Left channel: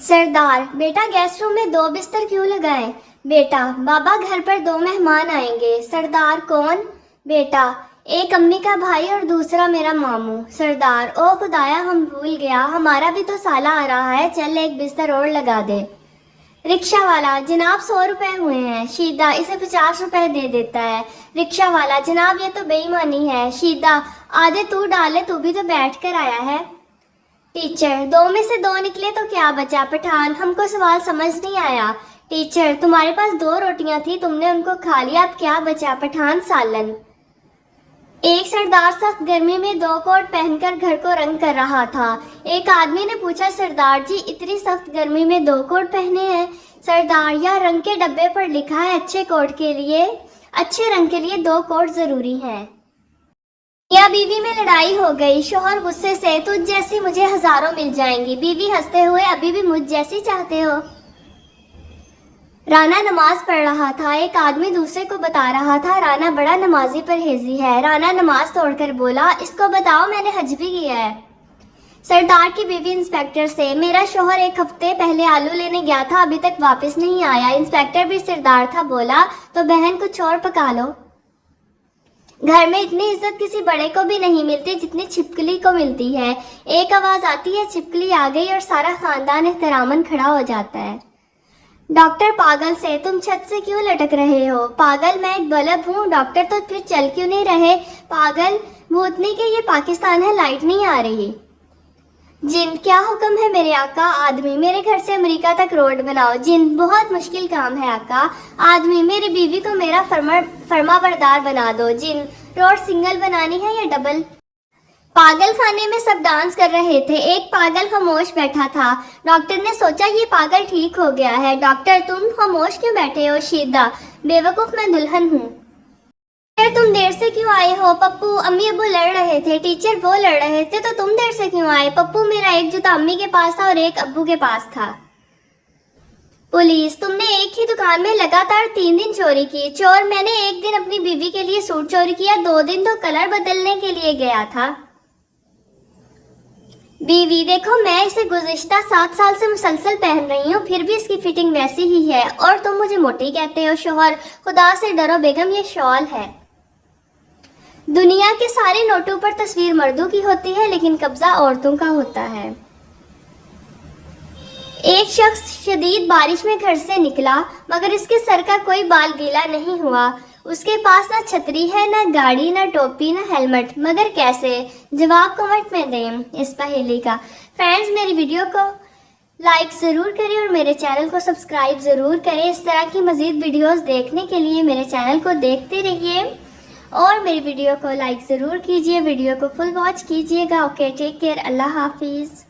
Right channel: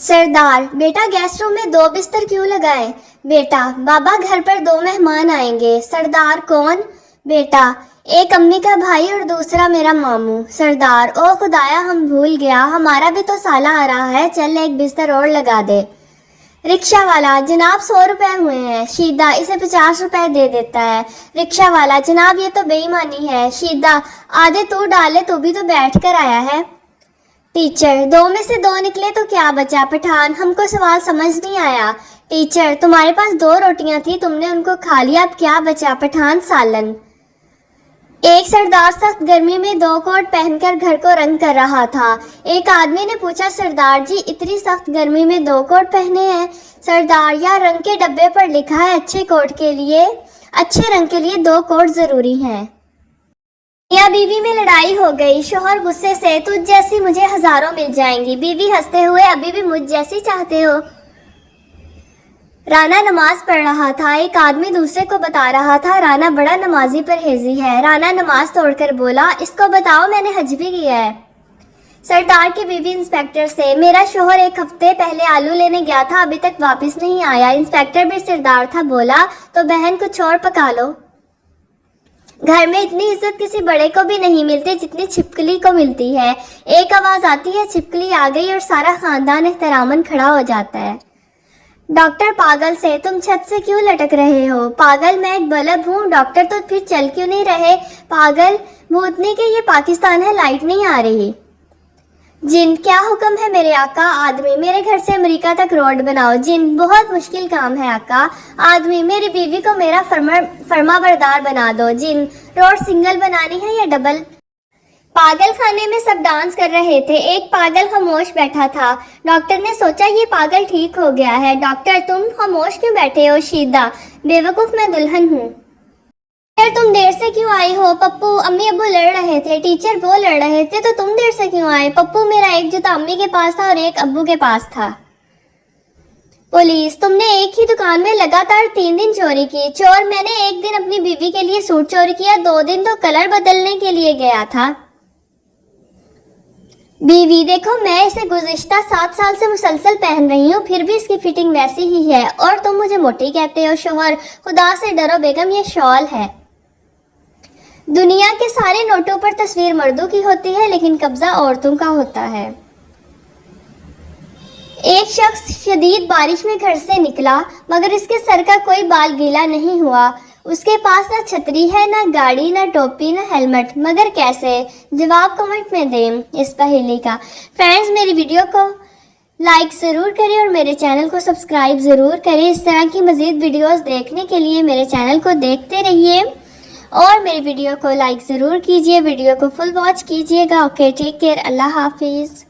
सरदार, बेटा guest room में 2 बिस्तर क्यों लगाए? बेटा, बाबा घर पर 2 मेहमान आएंगे। सरदार, कौन? बेटा, एक अम्मी का भाई और दूसरा मेरा मामू। सरदार, ओ खुदाया, हम भूल गया, हमारा भी तो साला आ रहा है, चल एक बिस्तर और लगा दे। रिक्शा वाला, जनाब 100 रुपए हुए हैं। शीदा, इसे 50 रुपए दे देता है। रिक्शा वाला, जनाब ये तो बेईमानी है। शीदा, आधे तू डाले, तू भी तो बैठ कर आया है। टीचर, 2 में से 2 निकले तो क्या बचा? पठान, हमको सवाल समझ नहीं आया। टीचर, तुम्हारे पास 2 रोटियां थी, तुमने उनको खा लिया, अब क्या बचा? पठान, सालन। एक सरदार सख्त गर्मी में 2 कोट पहनकर घर को रंग कर रहा था। एक आदमी ने पूछा, सरदार जी इतनी सख्त गर्मी में 2 कोट पहने हैं? सरदार, या रंग के डब्बे पर लिखा है अच्छे रंग के लिए 2 कोट जरूरी हैं। या बीवी में लड़ाई हो गई। शोहर गुस्से से, तुझ जैसी मुझे हजारों मिल जाएंगी। बीवी हंसते हुए, अभी भी मुझ जैसी चाहते हो? राना नमाज पढ़ रहा था। एक आदमी दूसरे को बता रहा था, राना बड़ा नमाजी परहेजी है। राना नमाज तोड़कर बोला, इसको बताओ मैंने हज भी किया है। सरदार की बीवी इंस्पेक्टर से, मेरा शोहर 1 हफ्ते पहले आलू लेने गया था, अभी तक वापस नहीं आया। इंस्पेक्टर भी सरदार था, बोला तो बहन कुछ और पका लो। घर में इतनी इज्जत किसी बड़े को भी नहीं मिलती जितनी छिपकली को मिलती है। एक आवाज आती है, छिपकली आ गई, और सारा खानदान एहतरामन खड़ा हो जाता है। डॉक्टर पागल से, तुम छत से क्यों लटक रहे हो? पागल, मैं एक बल्ब हूँ। डॉक्टर, तो फिर चल क्यों नहीं रहे? पागल, भूतनी के ये पाकिस्तान है, लाइट नहीं आ रही। जिन, क्या हुक्म है मेरे आका? आदमी, मेरे घर से अमेरिका तक रोड बनाओ। जिन, बहुत मुश्किल काम है आका। आदमी, मेरी बीवी को मेरा फर्मा बरदार बना दो। जिन, रोड सिंगल बनानी है या डबल? पागल खाने में सब डांस कर रहे थे। एक पागल खामोश बैठा था। डॉक्टर ने सोचा ये पागल ठीक हो गया है। डॉक्टर, तुम खामोश क्यों बैठे हो? शीदा, बेवकूफ, मैं दुल्हन हूँ। टीचर, तुम देर से क्यों आई हो? पप्पू, अम्मी अब्बू लड़ रहे थे। टीचर, वो लड़ रहे थे तो तुम देर से क्यों आए? पप्पू, मेरा एक जूता अम्मी के पास था और एक अब्बू के पास था। पुलिस, तुमने एक ही दुकान में लगातार 3 दिन चोरी की। चोर, मैंने एक दिन अपनी बीवी के लिए सूट चोरी किया, 2 दिन तो कलर बदलने के लिए गया था। बीवी, देखो मैं इसे गुज़िश्ता 7 साल से मुसलसल पहन रही हूँ, फिर भी इसकी फिटिंग वैसी ही है, और तुम मुझे मोटी कहते हो। शोहर, खुदा से डरो बेगम, ये शॉल है। दुनिया के सारे नोटों पर तस्वीर मर्दों की होती है, लेकिन कब्जा औरतों का होता है। एक शख्स शदीद बारिश में घर से निकला, मगर इसके सर का कोई बाल गीला नहीं हुआ। उसके पास ना छतरी है, ना गाड़ी, ना टोपी, ना हेलमेट, मगर कैसे? जवाब कमेंट में दें इस पहेली का। फ्रेंड्स, मेरी वीडियो को लाइक ज़रूर करें और मेरे चैनल को सब्सक्राइब ज़रूर करें। इस तरह की मज़ीद वीडियोस देखने के लिए मेरे चैनल को देखते रहिए और मेरी वीडियो को लाइक ज़रूर कीजिए, वीडियो को फुल वॉच कीजिएगा। ओके, टेक केयर, अल्लाह हाफिज़।